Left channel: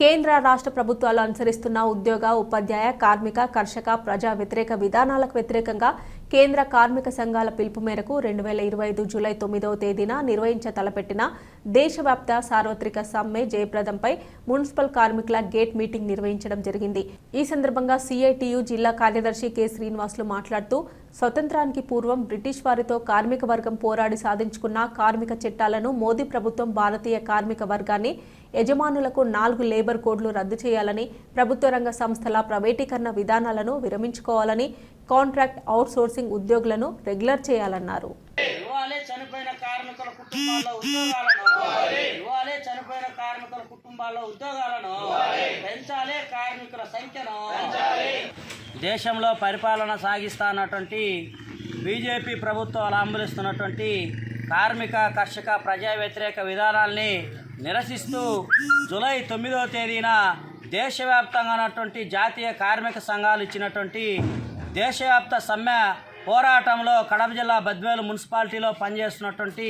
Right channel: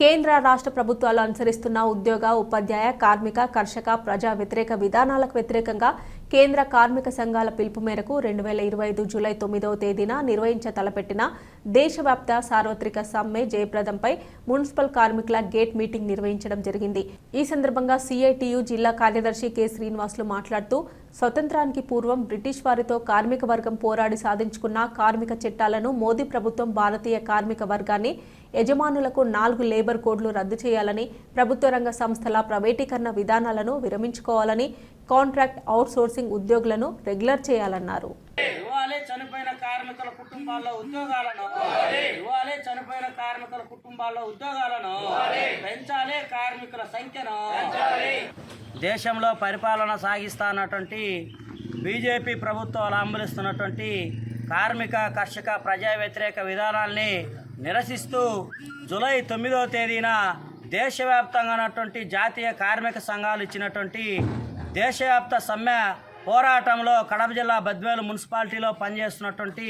కేంద్ర రాష్ట్ర ప్రభుత్వాలు అనుసరిస్తున్న ఉద్యోగ, ఉపాధ్యాయ, కార్మిక, కర్షక, ప్రజా వ్యతిరేక విధానాలకు వ్యతిరేకంగా కేంద్ర కార్మిక సంఘాల పిలుపు మేరకు 2025 జూలై 9వ తేదీన తలపెట్టిన దేశవ్యాప్త సార్వత్రిక సమ్మె జయప్రదంపై మున్సిపల్ కార్మికుల గేట్ మీటింగ్ నిర్వహించడం జరిగింది. ఈ సందర్భంగా సిఐటియు జిల్లా కార్యదర్శి కె శ్రీనివాసులు మాట్లాడుతూ స్వతంత్రానికి పూర్వం బ్రిటిష్ వారితో కార్మిక వర్గం పోరాడి సాధించుకున్న కార్మిక చట్టాలను మోదీ ప్రభుత్వం భారతీయ కార్మిక వర్గాన్ని యజమానులకు 4 లేబర్ కోడ్లు రద్దు చేయాలని, ప్రభుత్వ రంగ సంస్థల ప్రైవేటీకరణ విధానాలను విరమించుకోవాలని, కాంట్రాక్ట్ అవుట్సోర్సింగ్ ఉద్యోగులను రెగ్యులర్ చేయాలన్నారు. చనిపోయిన కుటుంబాల్లో ఉద్యోగాలను పెంచాలి, కార్మికుల సంఖ్యను దేశంలో పరిపాలన సాగిస్తున్నటువంటి బీజేపీ ప్రభుత్వాలు అమలుస్తున్నటువంటి కార్మిక, కర్షక, ప్రజా వ్యతిరేక విధానాల్ని నిరసిస్తూ జూలై 9వ తేదీన దేశవ్యాప్తంగా ఉన్నటువంటి జాతీయ కార్మిక సంఘాలు ఇచ్చినటువంటి దేశవ్యాప్త సమ్మె పోరాటంలో కడప జిల్లా బద్వేలు మున్సిపాలిటీలో పనిచేస్తున్నటువంటి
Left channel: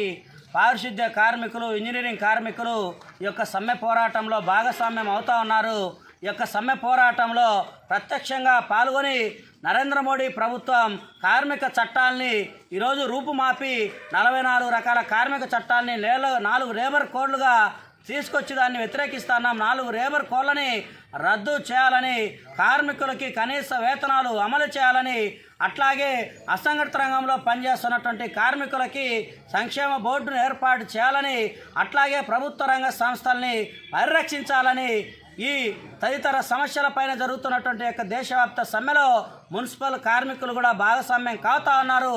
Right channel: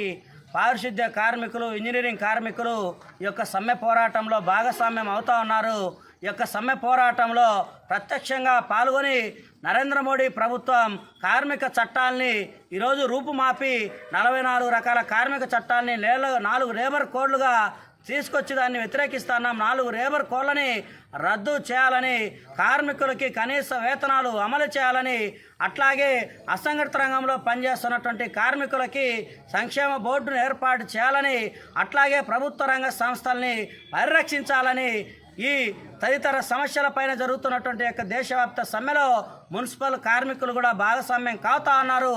పారిశుద్ధ్య కార్మికులు, ఇంజనీరింగ్ కార్మికులు ఈ యొక్క సమ్మె పోరాటంలో భాగస్వామ్యం అవుతూ ఉన్నారు. ఈ యొక్క సమ్మె పోరాటంలో ప్రత్యక్షంగా పాల్గొని నరేంద్ర మోడీ ప్రభుత్వం కార్మిక చట్టాలని ఈరోజు రూపుమాపి 44 రకాల కార్మిక చట్టాలని 4 లేబర్ కోడ్లుగా తీసుకొచ్చి దాన్ని వ్యతిరేకిస్తున్నాం. 4 లేబర్ కోడ్లని రద్దు చేయాలని, కార్మికులకి కనీస వేతనాలు అమలు చేయాలని, అట్లాగే అసంఘటిత రంగంలో పనిచేస్తున్నటువంటి కార్మికులకి సంక్షేమ బోర్డును ఏర్పాటు చేయాలని, అట్లాగే ప్రభుత్వ రంగ సంస్థల్ని పరిరక్షించాలని, ఈ తదితర సమస్యలపైన జరుగుతున్నటువంటి యొక్క దేశవ్యాప్త సమ్మెలో మున్సిపల్ కార్మికులు కూడా భాగస్వామ్యం కావుతా ఉన్నారు.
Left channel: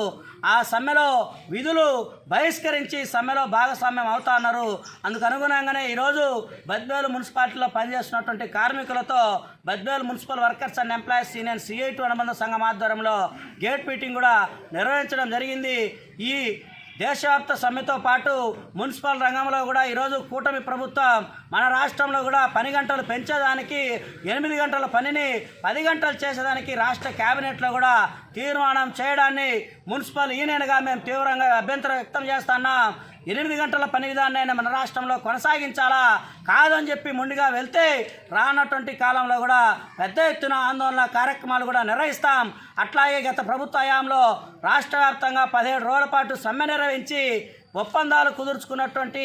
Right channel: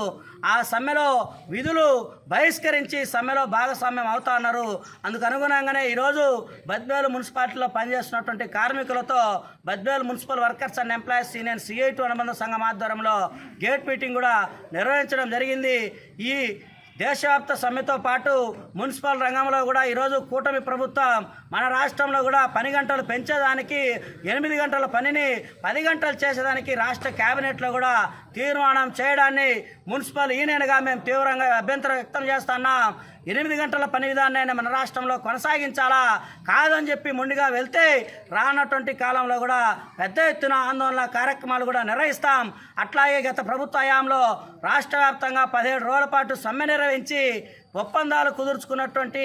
ఆ సమ్మెలో విధులు బహిష్కరించి సమ్మెలో భాగస్వామ్యం అవుతా ఉన్నారు. అందుకు అనుగుణంగానే ఈరోజు బద్వేలు మున్సిపాలిటీలో పనిచేస్తున్నటువంటి కార్మికులతో Badvel municipal workers and employees union CIT అనుబంధ సంఘం ఆధ్వర్యంలో గేట్ మీటింగ్ కూడా నిర్వహించడం జరిగింది. ఈ దేశవ్యాప్త సమ్మెతో పాటు మున్సిపల్ రంగంలో కూడా ఈరోజు కూటమి ప్రభుత్వం మన రాష్ట్రంలో కూడా పని గంటలు పెంచేదానికి 8 గంటల పనిని 10 గంటలు చేసేదానికి రాష్ట్ర కేబినెట్లో కూడా తీర్మానం చేయడాన్ని మున్సిపల్ యూనియన్గా మేము తీవ్రంగా అభ్యంతరం వ్యక్తం చేస్తున్నాం. 8 గంటల పని విధానాన్ని మన రాష్ట్రంలో కొనసాగించాలా కాదని చెప్పి మొండిగా వెళ్తే రానటువంటి కాలంలో కూడా పెద్ద ఎత్తున ఆందోళన కార్యక్రమాలు కూడా నిర్వహిస్తాం. అట్లాగే గత ప్రభుత్వ హయాంలో రాష్ట్ర వ్యాప్తంగా 17 రోజుల పాటు సమ్మె నిర్వహించి ఒప్పందాలు కుదుర్చుకున్నటువంటి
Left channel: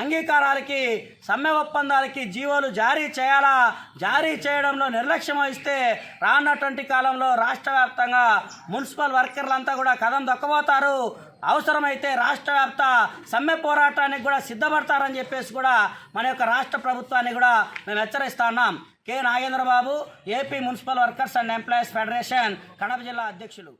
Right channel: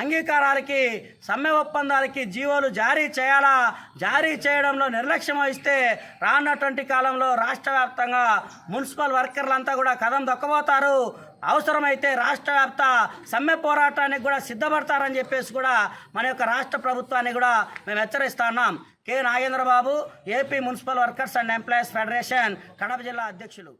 అంగీకారాలకి, సమ్మె ఒప్పందాలకి జీవోలు జారీ చేయాలా, జారీ చేయడంలో నిర్లక్ష్యం వహిస్తే రానటువంటి కాలంలో రాష్ట్ర వ్యాప్తంగా మున్సిపల్ వర్కర్లంతా కూడా కదం దొక్కబోతారు. అవసరమైతే రాష్ట్ర వ్యాప్త సమ్మె పోరాటానికి కూడా సిద్ధపడతారని చెప్పేసి కూడా మన యొక్క రాష్ట్ర ప్రభుత్వాన్ని కూడా మేము హెచ్చరిస్తున్నాం. K Nagendra Babu, AP municipal workers and employees federation Kadapa జిల్లా అధ్యక్షులు.